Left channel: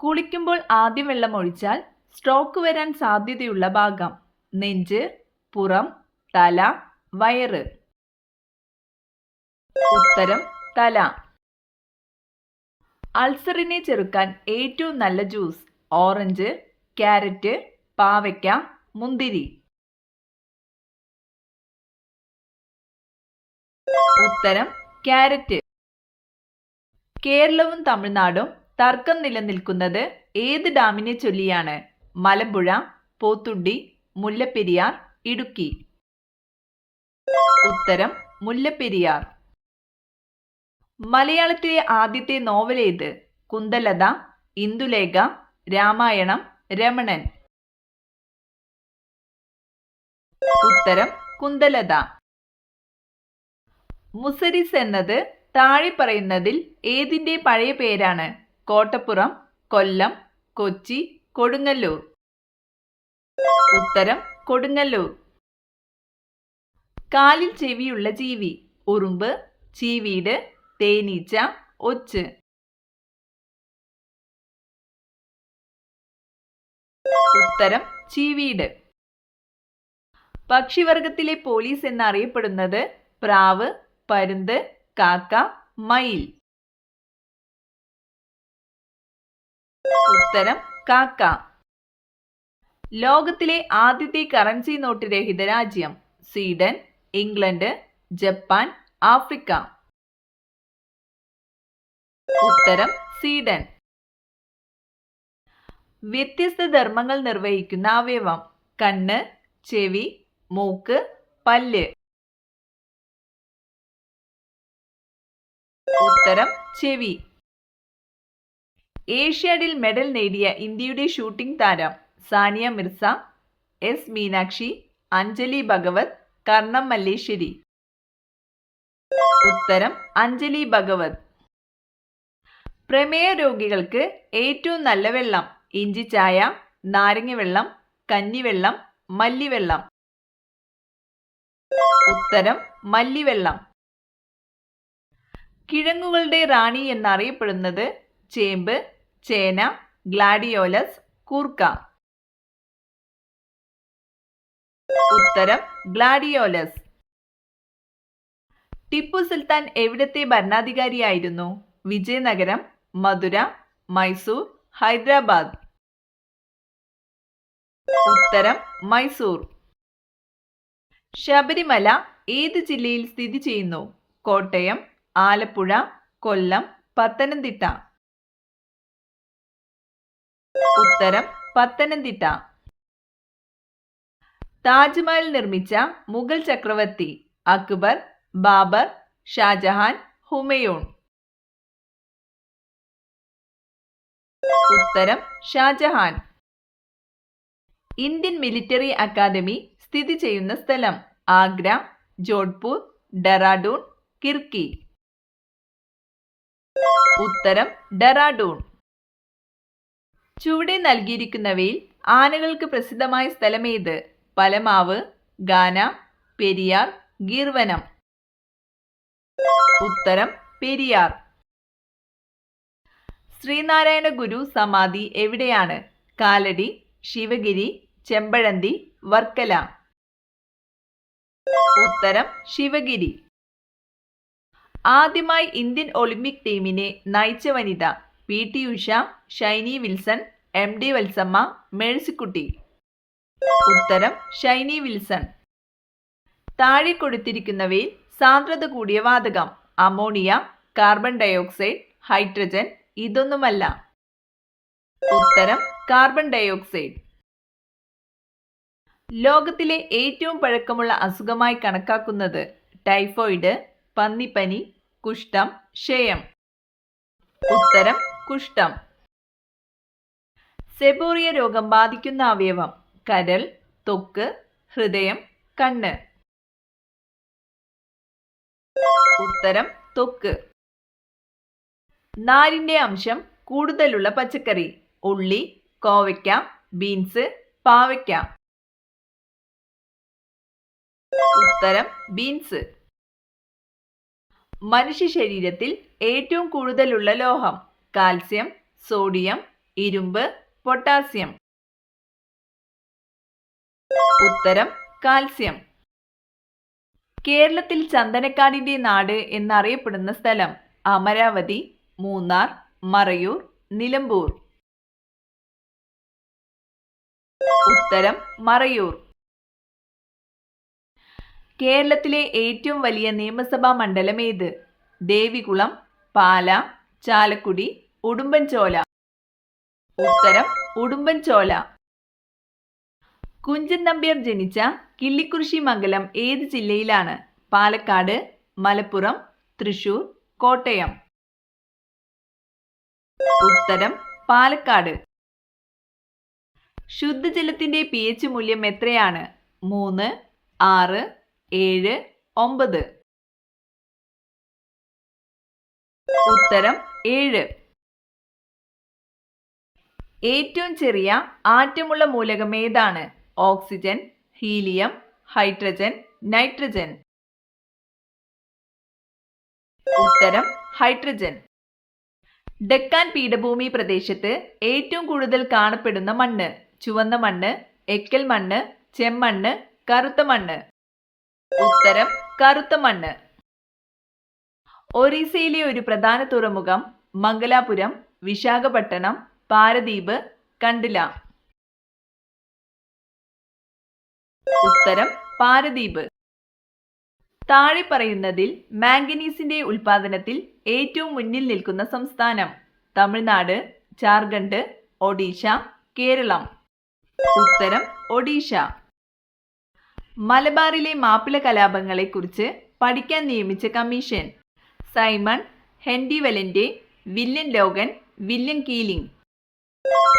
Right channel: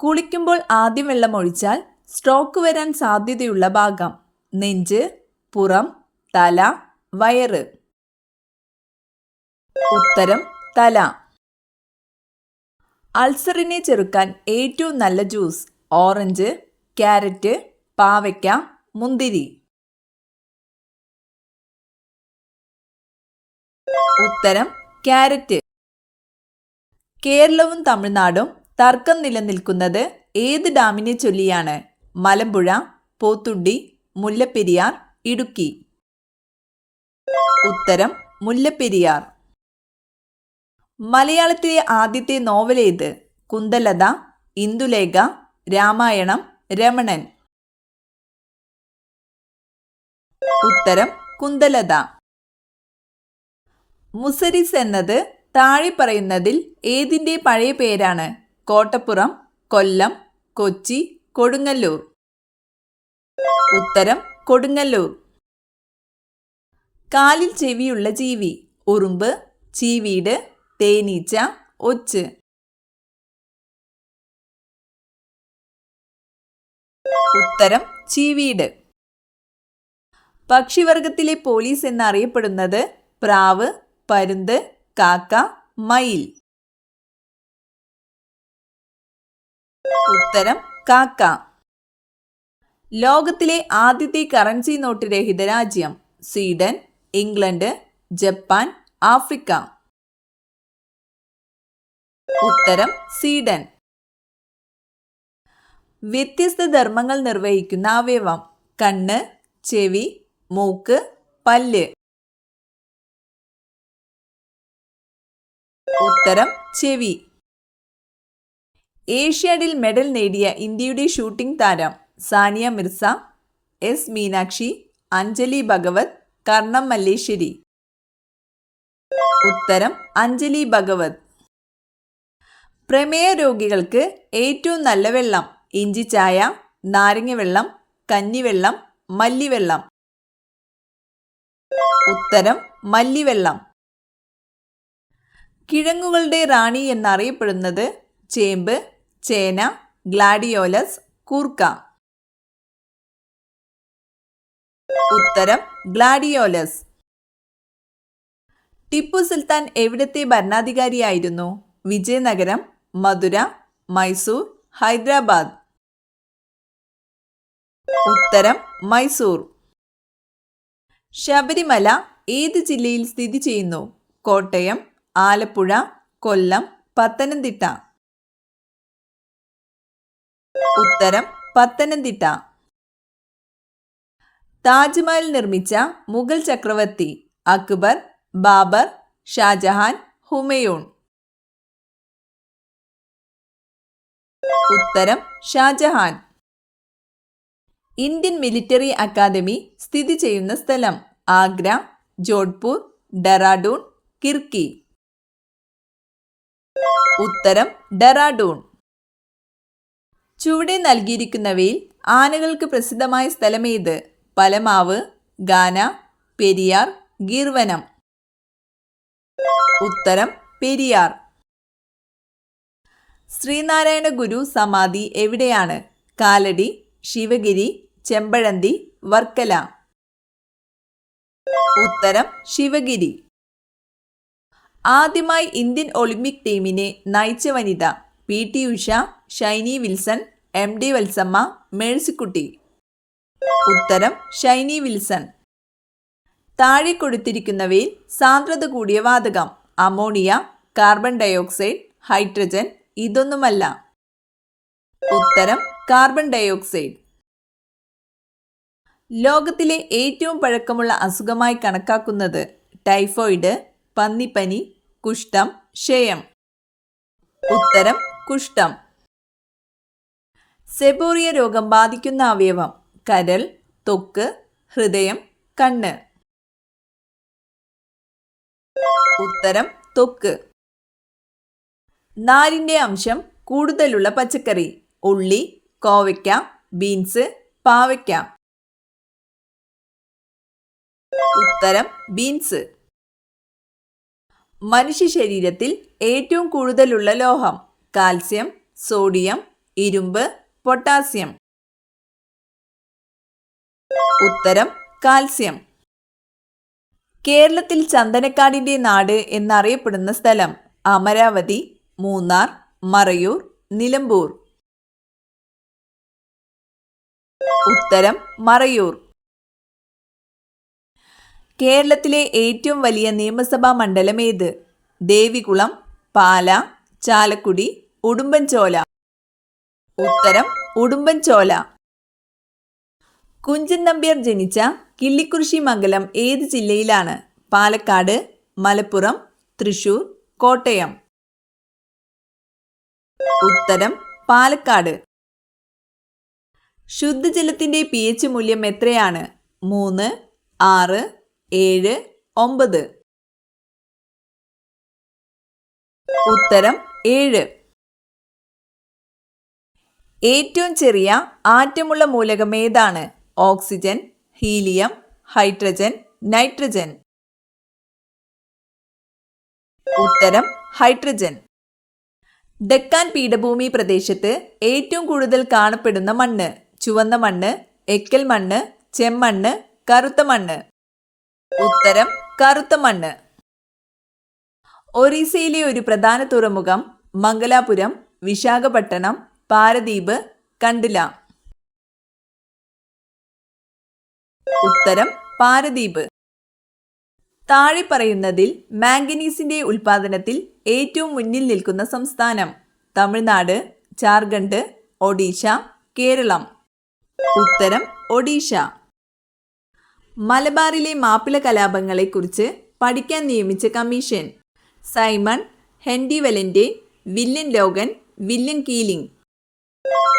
കുളിക്കുമ്പോൾ ആദ്യം വെള്ളമൊഴിച്ചാൽ സ്ട്രോക്ക് വരാൻ സാധ്യതയുള്ള ഭാഗം: നെഞ്ച്, പുറം, തല, വയറ്. ഉത്തരം തല. അൾസറിനെ ചെറുക്കാൻ ഏറ്റവും നല്ല ജ്യൂസ്: ഓറഞ്ച്, ക്യാരറ്റ്, പാവയ്ക്ക, മുന്തിരി. ഉത്തരം ക്യാരറ്റ്. കേരളവും തമിഴ്നാടും തർക്കം നിലനിൽക്കുന്നത് ഏത് ഡാമിനെ ചൊല്ലിയാണ്? മലമ്പുഴ, പോത്തുണ്ടി, മുല്ലപ്പെരിയാർ, ഇടുക്കി. ഉത്തരം മുല്ലപ്പെരിയാർ. മലയാളത്തിലെ ആദ്യത്തെ നോവൽ ഏത്? കുന്തലത, ഇന്ദുലേഖ, രാമായണം, രമണൻ. ഉത്തരം കുന്തലത. മുസരിസ് എന്നത് താഴെ പറയുന്നതിൽ ഏതിൻ്റെ പഴയ പേരാണ്? കോട്ടപ്പുറം, കൊല്ലം, കൊച്ചി, കൊടുങ്ങല്ലൂർ. ഉത്തരം കൊടുങ്ങല്ലൂർ. കാലിൽ ചെവിയുള്ള ജീവി: ഉറുമ്പ്, ചീവീട്, തേനീച്ച, ഒച്ച്. ഉത്തരം ചീവീട്. പക്ഷിവർഗത്തിലെ പോലീസ് എന്നറിയപ്പെടുന്നത്? പ്രാവ്, പരുന്ത്, കാക്ക, മയിൽ. ഉത്തരം കാക്ക. ലോകത്തിലെ ആദ്യത്തെ കറൻസി നോട്ട് രഹിത രാജ്യം: സ്വീഡൻ, ഇംഗ്ലണ്ട്, ജപ്പാൻ, ആഫ്രിക്ക. ഉത്തരം സ്വീഡൻ. വ്യത്യസ്ത ധർമ്മങ്ങൾ നിർവഹിക്കുന്ന അവയവം: കണ്ണ്, ചെവി, മൂക്ക്, പല്ല്. ഉത്തരം ചെവി. ഏഷ്യാഡിൽ മെഡൽ നേടിയ ഇന്ത്യയുടെ ഷൂട്ടിംഗ് താരം: സാനിയ മിർസ, എസ് മീനാക്ഷി, അഞ്ജലി ഭഗവത്, കർണം മല്ലേശ്വരി. ഉത്തരം അഞ്ജലി ഭഗവത്. പ്രമേയ രോഗികൾക്ക് ഏറ്റവും നല്ല വെള്ളം: ഇഞ്ചിച്ചായ, നാരങ്ങ വെള്ളം, കഞ്ഞിവെള്ളം, മല്ലിവെള്ളം. ഉത്തരം മല്ലിവെള്ളം. കിഴങ്ങുകളുടെ റാണി എന്നറിയപ്പെടുന്നത്? ചേമ്പ്, ചേന, ഗ്ലാഡിയോലസ്, കൂർക്ക. ഉത്തരം ഗ്ലാഡിയോലസ്. ടിപ്പു സുൽത്താൻ എവിടത്തെ ഭരണാധികാരിയായിരുന്നു? വിജയനഗരം, മധുര, മൈസൂർ, ഹൈദരാബാദ്. ഉത്തരം മൈസൂർ. ശബരിമല ഏത് ജില്ലയിൽ സ്ഥിതി ചെയ്യുന്നു? കോട്ടയം, ആലപ്പുഴ, കൊല്ലം, പത്തനംതിട്ട. ഉത്തരം പത്തനംതിട്ട. താജ്മഹൽ നിർമ്മിച്ച മുഗൾ ചക്രവർത്തി: അക്ബർ, ബാബർ, ഷാജഹാൻ, ഹുമയൂൺ. ഉത്തരം ഷാജഹാൻ. ഇന്ത്യൻ മിലിറ്ററി അക്കാദമി സ്ഥിതി ചെയ്യുന്ന സ്ഥലം: ആഗ്ര, ജോധ്പൂർ, ഡെറാഡൂൺ, കിർക്കി. ഉത്തരം ഡെറാഡൂൺ. ചുവടെ നൽകിയിരിക്കുന്നവയിൽ ആനകൾക്ക് പ്രസിദ്ധമായ സ്ഥലമേത്? പലമാവ്, ഗാന, പെരിയാർ, ഗീർവനം. ഉത്തരം പെരിയാർ. ശ്രീനാരായണ ഗുരു സമാധി എവിടെയാണ്? കാലടി, ശിവഗിരി, ചെമ്പഴന്തി, വർക്കല. ഉത്തരം ശിവഗിരി. ആദ്യമായി ഇന്ത്യൻ ഒളിമ്പിക് ടീമിനെ നയിച്ച വനിത: പി.ടി. ഉഷ, ഷൈനി വിൽസൺ, എം.ഡി. വത്സമ്മ, മേഴ്സിക്കുട്ടി. ഉത്തരം ഷൈനി വിൽസൺ. താഴെ കൊടുത്തിരിക്കുന്നവയിൽ സാന്ദ്രത കൂടിയ വാതകം: അമോണിയ, കാർബൺ ഡയോക്സൈഡ്, ഹൈഡ്രജൻ. ഇതൊന്നുമല്ല. ഉത്തരം കാർബൺ ഡയോക്സൈഡ്. ലോകത്തിലെ ഏറ്റവും പഴക്കമുള്ള അസുഖമായി കണക്കാക്കുന്നത്? ടൈഫോയിഡ്, പന്നിപ്പനി, കുഷ്ഠം, ക്ഷയം. ഉത്തരം കുഷ്ഠം. സെബോറിയ രോഗം ബാധിക്കുന്ന അവയവം: കരൾ, ത്വക്ക്, ഹൃദയം, കണ്ണ്. ഉത്തരം ത്വക്ക്. നാരിൻ്റെ അംശം കൂടുതലുള്ള പച്ചക്കറി: ഉള്ളി, കോവയ്ക്ക, ബീൻസ്, പാവയ്ക്ക. ഉത്തരം ബീൻസ്. മനുഷ്യ ശരീരത്തിൽ ഏറ്റവും കൂടുതലുള്ള ലോഹം: കാൽസ്യം, സോഡിയം, ഇരുമ്പ്, പൊട്ടാസ്യം. ഉത്തരം കാൽസ്യം. കേരളത്തിൽ ചന്ദനക്കാടിന്റെ നാട് എന്നറിയപ്പെടുന്ന സ്ഥലം അമരാവതി, മൂന്നാർ, മറയൂർ, നിലമ്പൂർ. ഉത്തരം മറയൂർ. കേരളത്തിലെ ഏറ്റവും വലിയ നിയമസഭാ മണ്ഡലം ഏത്? ദേവികുളം, പാല, ചാലക്കുടി, ഉടുമ്പൻചോല. ഉത്തരം ഉടുമ്പൻചോല. കുഞ്ചൻ നമ്പ്യാർ ജനിച്ച കിള്ളിക്കുറിശി മംഗലം ഏത് ജില്ലയിലാണ്? പാലക്കാട്, മലപ്പുറം, തൃശൂർ, കോട്ടയം. ഉത്തരം പാലക്കാട്. ശുദ്ധജലത്തിന്റെ pH മൂല്യം എത്രയാണ്? 3, 6, 7, 9. ഉത്തരം 7. ഏറ്റവും ചെറിയ ആറ്റമുള്ള മൂലകം ഏതാണ്? Oxygen, helium, hydrogen, nitrogen. ഉത്തരം ഹൈഡ്രജൻ. ഡെക്കാൻ പീഠഭൂമി പ്രദേശത്ത് ഏറ്റവും കൂടുതൽ കാണപ്പെടുന്ന മണ്ണ്? ചുവന്ന മണ്ണ്, എക്കൽ മണ്ണ്, ചെമ്മണ്ണ്, കറുത്ത മണ്ണ്. ഉത്തരം കറുത്ത മണ്ണ്. ഒറീസയിലെ ഒരു പ്രധാന തുറമുഖം? മംഗലാപുരം, വിശാഖപട്ടണം, പാരദീപ്, കണ്ടില. ഉത്തരം പാരദീപ്. താഴെ പറയുന്നതിൽ മാംഗനീസിന്റെ ഉൽപാദനത്തിൽ ഏറ്റവും മുന്നിൽ നിൽക്കുന്ന സംസ്ഥാനം? തമിഴ്നാട്, ജാർഖണ്ഡ്, ഒഡീഷ, കേരളം. ഉത്തരം ഒഡീഷ. മലബാറിലെ മാപ്പിള കലാപങ്ങളെക്കുറിച്ച് പഠിക്കാൻ നിയമിച്ച കമ്മീഷൻ? സൈമൺ, ഹെൻറി വലന്റെ, വില്യം ലോഗൻ, വില്യം കീലിംഗ്.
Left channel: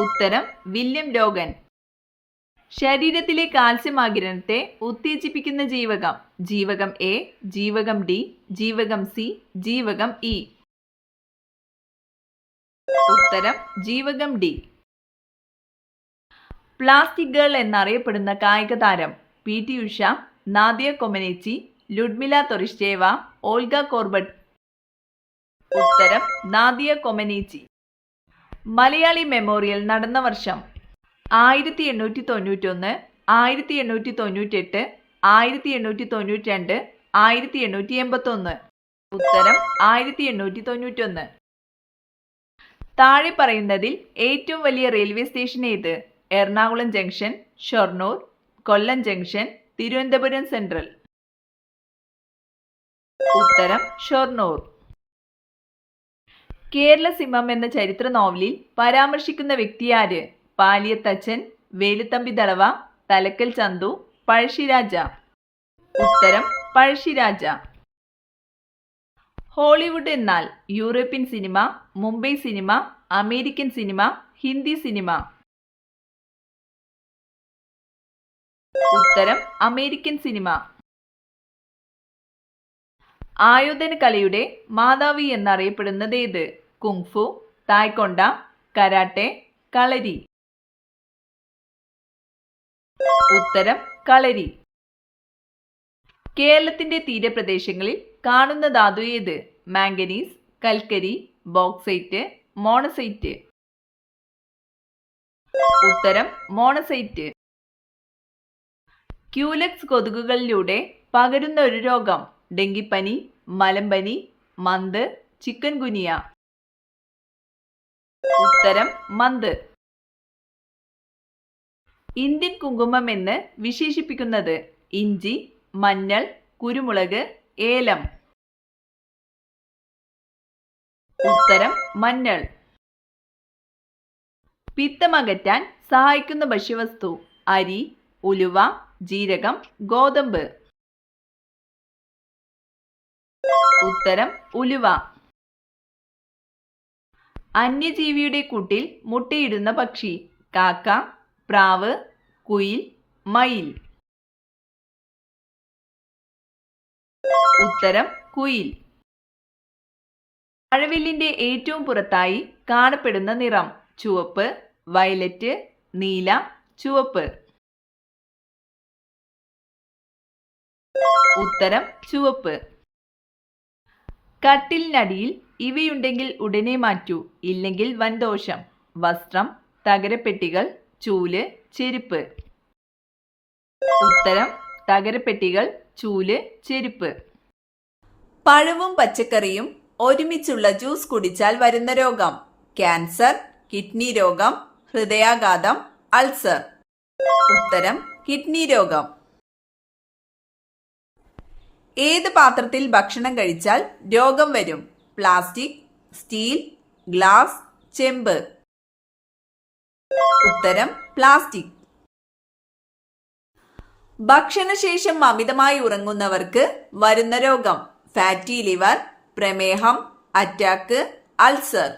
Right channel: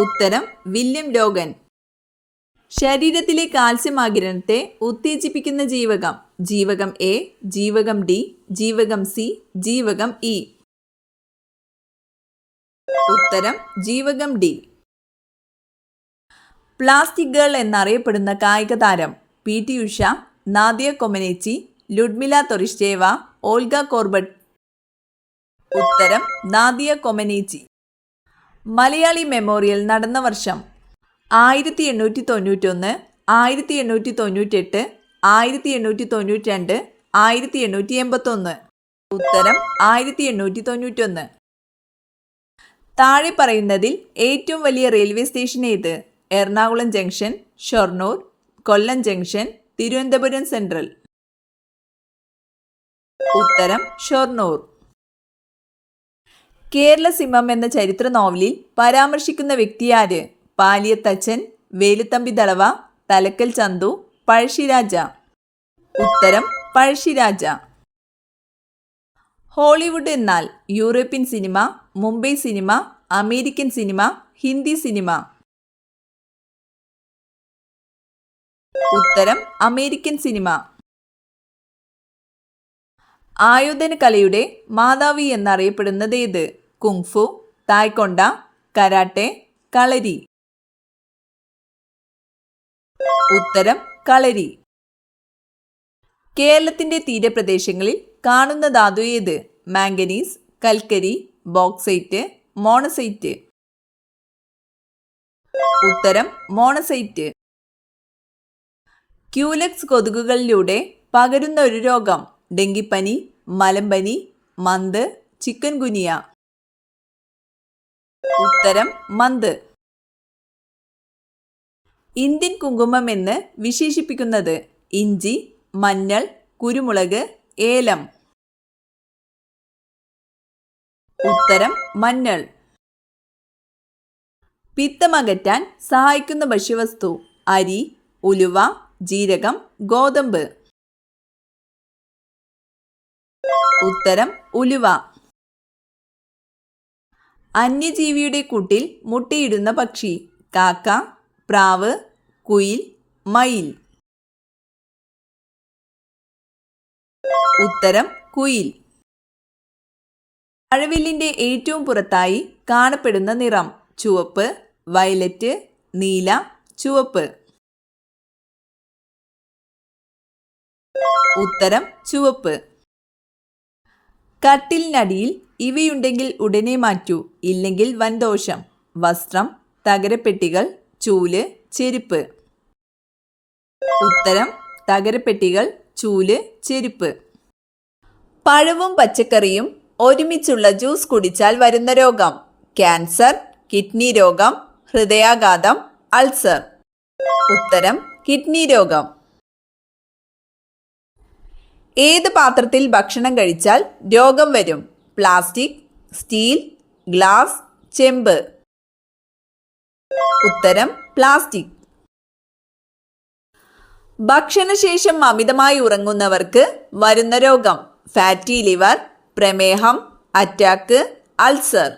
ഉത്തരം വില്യം ലോഗൻ. ശരീരത്തിലെ കാൽസ്യം ആഗിരണത്തെ ഉത്തേജിപ്പിക്കുന്ന ജീവകം? ജീവകം എ, ജീവകം ഡി, ജീവകം സി, ജീവകം ഇ. ഉത്തരം ജീവകം ഡി. പ്ലാസ്റ്റിക് ഗേൾ എന്നറിയപ്പെടുന്ന കായിക താരം? PT Usha, Nadia Comaneci, Ludmila Tourischeva, Olga Korbut. ഉത്തരം നാദിയ കൊമനേച്ചി. മലയാളി മെമ്മോറിയൽ നടന്ന വർഷം? 1891, 1898, 1892, 1881. ഉത്തരം 1891. താഴെ പറയുന്നതിൽ ഏറ്റവും വലിയ റെയിൽവേ സ്റ്റേഷൻ ഏത്? എറണാകുളം ജംഗ്ഷൻ, ഷൊർണൂർ, കൊല്ലം ജംഗ്ഷൻ, തിരുവനന്തപുരം സെൻട്രൽ. ഉത്തരം ഷൊർണൂർ. കേരള സിംഹം എന്ന ചരിത്ര നോവലിൽ പരാമർശിക്കുന്ന വ്യക്തിയാര്? പാലിയത്തച്ഛൻ, വേലുത്തമ്പി ദളവ, തലക്കൽ ചന്തു, പഴശ്ശിരാജ. ഉത്തരം പഴശ്ശിരാജ. ഹോളിവുഡ് എന്നാൽ? European cinema, Mumbai cinema, American cinema, Hindi cinema. ഉത്തരം അമേരിക്കൻ സിനിമ. ആയോധന കലയുടെ മാതാവി എന്നറിയപ്പെടുന്നത് ഏത്? കുങ്ഫു, തായ്ക്കൊണ്ട, കരാട്ടെ, കളരി. ഉത്തരം കളരി. കേരളത്തിന്റെ തീരപ്രദേശങ്ങളിൽ കാണുന്ന ധാതു ഏത്? മാംഗനീസ്, കൽക്കരി, ബോക്സൈറ്റ്, മോണസൈറ്റ്. ഉത്തരം മോണസൈറ്റ്. ക്യൂലെക്സ് കൊതുകുകളിലൂടെ പകരുന്ന ഒരു രോഗം? ഡെങ്കിപ്പനി, മലമ്പനി, മന്ത്, ചിക്കൻ ഗുനിയ. ഉത്തരം മന്ത്. ഇന്ത്യൻ കുങ്കുമം എന്ന് വിശേഷിപ്പിക്കുന്നത്? ഇഞ്ചി, മഞ്ഞൾ, കുരുമുളക്, ഏലം. ഉത്തരം മഞ്ഞൾ. പിത്തമകറ്റാൻ സഹായിക്കുന്ന ഭക്ഷ്യവസ്തു? അരി, ഉലുവ, ജീരകം, ഗോതമ്പ്. ഉത്തരം ഉലുവ. അന്യജീവിയുടെ കൂട്ടിൽ മുട്ടയിടുന്ന പക്ഷി? കാക്ക, പ്രാവ്, കുയിൽ, മയിൽ. ഉത്തരം കുയിൽ. മഴവില്ലിന്റെ ഏറ്റവും പുറത്തായി കാണപ്പെടുന്ന നിറം? ചുവപ്പ്, വയലറ്റ്, നീല, ചുവപ്പ്. ഉത്തരം ചുവപ്പ്. കട്ടിലിനടിയിൽ ഇവയുണ്ടെങ്കിൽ ഉടനെ മാറ്റൂ, ഇല്ലെങ്കിൽ വൻദോഷം. വസ്ത്രം, തകരപ്പെട്ടികൾ, ചൂല്, ചെരുപ്പ്. ഉത്തരം തകരപ്പെട്ടികൾ, ചൂല്, ചെരുപ്പ്. പഴവും പച്ചക്കറിയും ഒരുമിച്ചുള്ള ജ്യൂസ് കുടിച്ചാൽ വരുന്ന രോഗം: ക്യാൻസർ, കിഡ്നി രോഗം, ഹൃദയാഘാതം, അൾസർ. ഉത്തരം കിഡ്നി രോഗം. ഏത് പാത്രത്തിൽ ഭക്ഷണം കഴിച്ചാൽ രോഗം വരും? പ്ലാസ്റ്റിക്, സ്റ്റീൽ, ഗ്ലാസ്, ചെമ്പ്. ഉത്തരം പ്ലാസ്റ്റിക്. ഭക്ഷണശേഷം അമിതമായി ഉറങ്ങുന്നവർക്ക് വരുന്ന രോഗം: ഫാറ്റി ലിവർ, പ്രമേഹം, അറ്റാക്ക്, അൾസർ.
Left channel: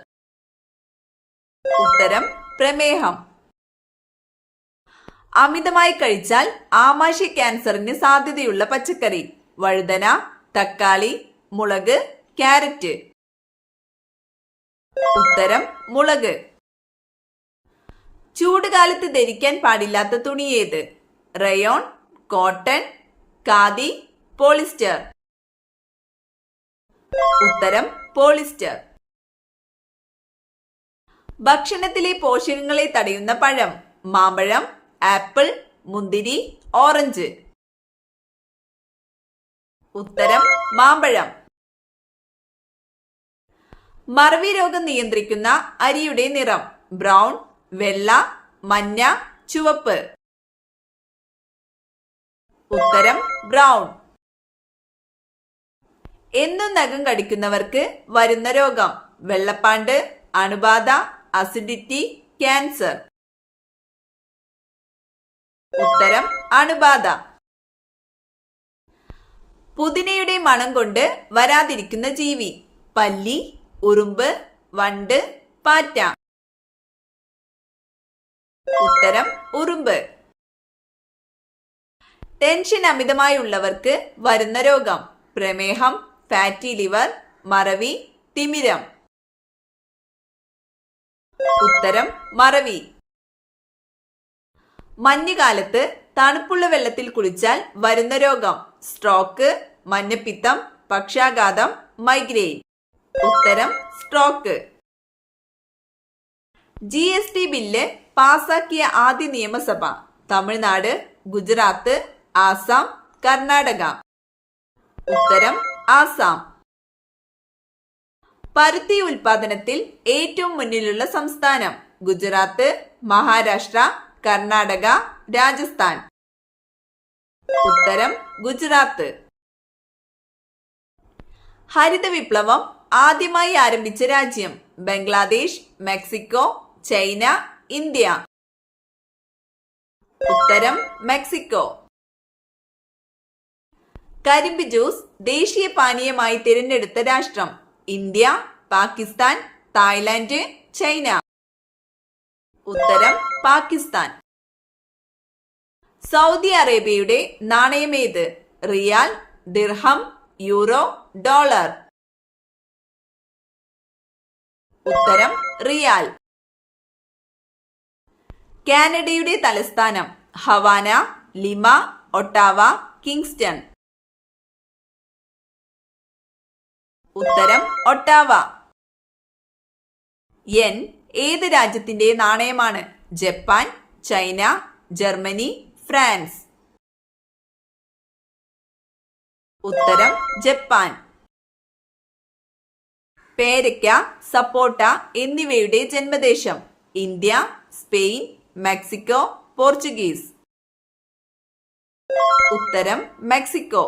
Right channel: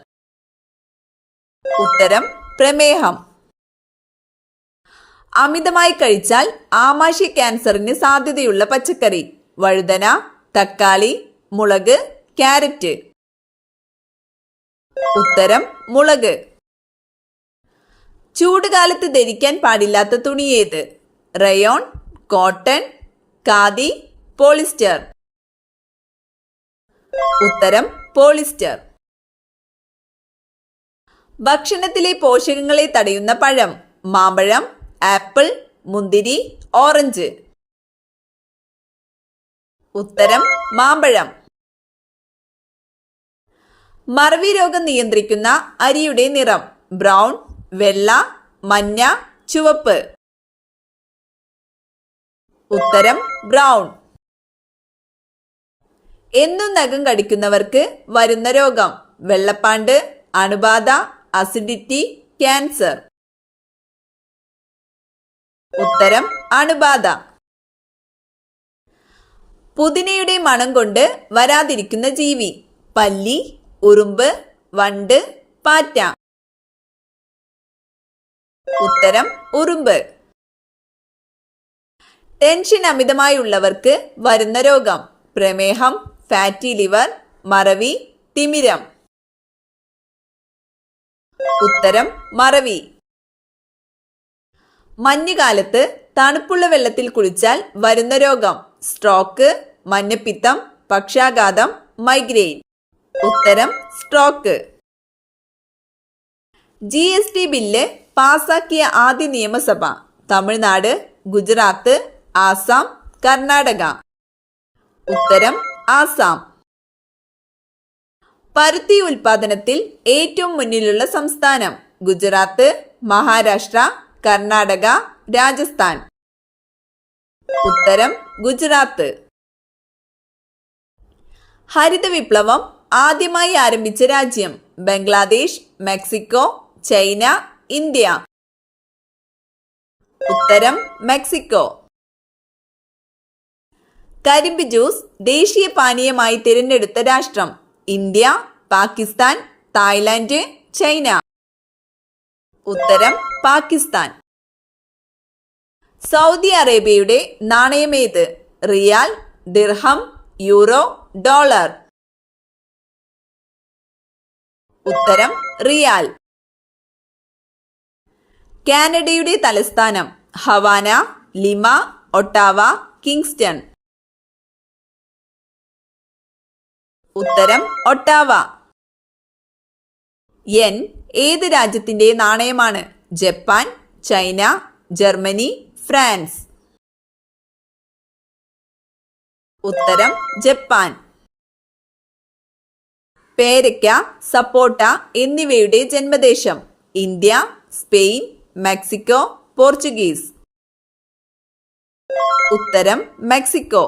ഉത്തരം പ്രമേഹം. അമിതമായി കഴിച്ചാൽ ആമാശയ ക്യാൻസറിന് സാധ്യതയുള്ള പച്ചക്കറി: വഴുതന, തക്കാളി, മുളക്, ക്യാരറ്റ്. ഉത്തരം മുളക്. ചൂടുകാലത്ത് ധരിക്കാൻ പാടില്ലാത്ത തുണി ഏത്? Rayon, cotton, khadi, polyester. ഉത്തരം പോളിസ്റ്റർ. ഭക്ഷണത്തിലെ പോഷകങ്ങളെ തടയുന്ന പഴം: മാമ്പഴം, ആപ്പിൾ, മുന്തിരി, ഓറഞ്ച്. ഉത്തരം മാമ്പഴം. മറവി രോഗം നിയന്ത്രിക്കുന്ന അരിയുടെ നിറം: ബ്രൗൺ, വെള്ള, മഞ്ഞ, ചുവപ്പ്. ഉത്തരം ബ്രൗൺ. എന്നും നഖം കടിക്കുന്നവർക്ക് വരുന്ന രോഗം: വെള്ളപ്പാണ്ട്, അണുബാധ, അസിഡിറ്റി, ക്യാൻസർ. ഉത്തരം അണുബാധ. പുതിനയുടെ മണം കൊണ്ട് വരാതിരിക്കുന്ന ജീവി: പല്ലി, ഉറുമ്പ്, വണ്ട്, പാറ്റ. ഉത്തരം ഉറുമ്പ്. ടെൻഷൻ അമിതമായി ഉള്ളവർക്ക് വരുന്ന രോഗം: പ്രമേഹം, ഫാറ്റി ലിവർ, മറവി, തിമിരം. ഉത്തരം മറവി. മഞ്ഞുകാലത്ത് തണുപ്പുള്ള വെള്ളത്തിൽ കുളിച്ചാൽ വരുന്ന രോഗം: സ്ട്രോക്ക്, മഞ്ഞപ്പിത്തം, പക്ഷാഘാതം, മൈഗ്രെയിൻ. ഉത്തരം സ്ട്രോക്ക്. GST ബില്ല് പാസാക്കിയ ആദ്യ നിയമസഭ: തമിഴ്നാട്, ഗുജറാത്ത്, ആസാം, കർണാടക. ഉത്തരം ആസാം. പരുത്തി ഉൽപാദനത്തിൽ ഏറ്റവും മുന്നിലുള്ള സംസ്ഥാനം: ഗുജറാത്ത്, മഹാരാഷ്ട്ര, കർണാടക, രാജസ്ഥാൻ. ഉത്തരം ഗുജറാത്ത്. ഹരിത വിപ്ലവം ആദ്യമായി ആരംഭിച്ച രാജ്യം: ബംഗ്ലാദേശ്, മെക്സിക്കോ, ചൈന, ഇന്ത്യ. ഉത്തരം മെക്സിക്കോ. കരിമ്പ് ജ്യൂസ് ദേശീയ പാനീയമായി തിരഞ്ഞെടുത്ത രാഷ്ട്രം: ഇന്ത്യ, പാകിസ്ഥാൻ, തായ്ലാന്റ്, ചൈന. ഉത്തരം പാകിസ്ഥാൻ. സൗദി അറേബ്യയുടെ നാണയമേത്? റിയാൽ, ദിർഹം, യൂറോ, ഡോളർ. ഉത്തരം റിയാൽ. കാനഡയുടെ തലസ്ഥാനം: ഹവാന, ലിമ, ഒട്ടാവ, കിങ്സ്റ്റൺ. ഉത്തരം ഒട്ടാവ. യെൻ ഏത് രാജ്യത്തിന്റെ നാണയമാണ്? Japan, China, Germany, France. ഉത്തരം ജപ്പാൻ. പേരയ്ക്ക, സപ്പോട്ട എന്നിവയുടെ ജന്മദേശം: ഇന്ത്യ, സ്പെയിൻ, മെക്സിക്കോ, പോർച്ചുഗീസ്. ഉത്തരം മെക്സിക്കോ.